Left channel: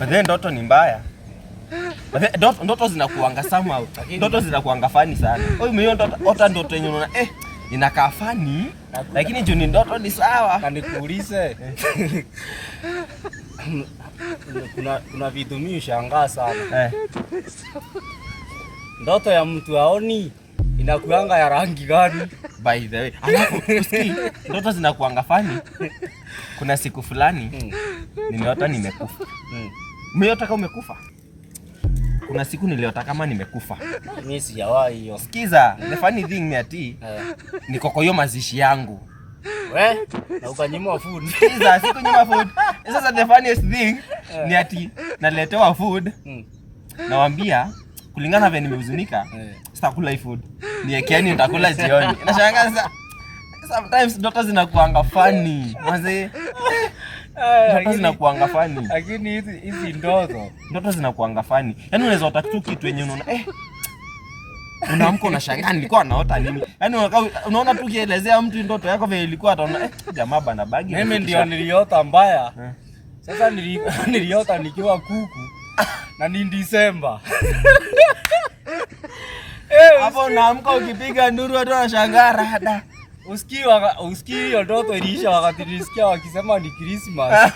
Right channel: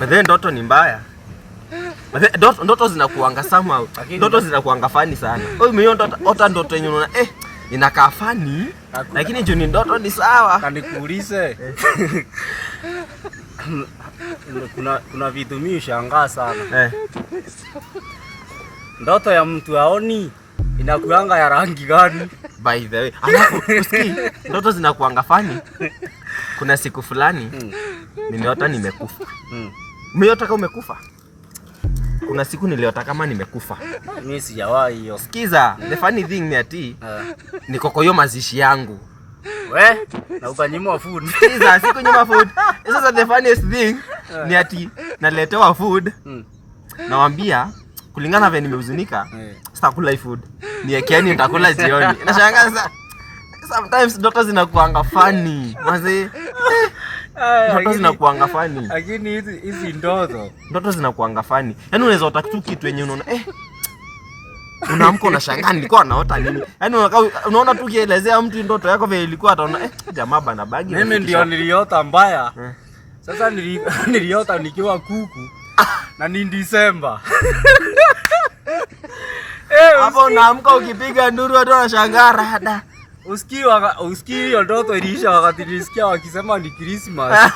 Baadaye ndoto ni mbaya. Ndoto zinakuanga somehow. Ndoto zinakuanga funny sana. Wewe umeota ndoto yenye unaona inakaa funny, lakini juu ni ndoto ni sawa. Na nikuulize. Kuna vitu mimi shangaa sana. Ndoto ya mtu aoni inakuanga ya rangi gani? By the way, usikii ndoto zinakuanga funny. Kuna siku fulani nimeota nimekufa. Umeota kama umekufa? Kuna siku niliota kama nimekufa. Mimi sijawahi hiyo. Sikiza, the funny thing ni ati niko kwa hiyo mazishi yangu. We, na ukanyimwa food. Sikiza, sikunyimwa food. Sasa the funniest thing ni ati naletewa food. Nawaambia kulingana vile nimehuzunika, sitakula food. Niekeeni nitakula jioni. Nashangaa sasa. Sometimes ndoto zinakuanga funny. Mzee. Ndoto zinakuanga funny. Lakini hizi ndoto zinakuanga funny. Yaani unaweza ota tu kitu yenye unaona unaamka unashangaa nilikuwa naota nini? Yaani unaona tu kielezea mtu ndoto yako vile ilikuwa ataona jamaa bana bagi. Mimi ndio niliota mbaya. Sasa niliota nikiwa kuku na ni Disemba. Hapo unaamka ukipiga nduru watu wanashangaa rada. Usikii hiyo ndoto iliisha wakati nilisikia wakisema ni Christmas.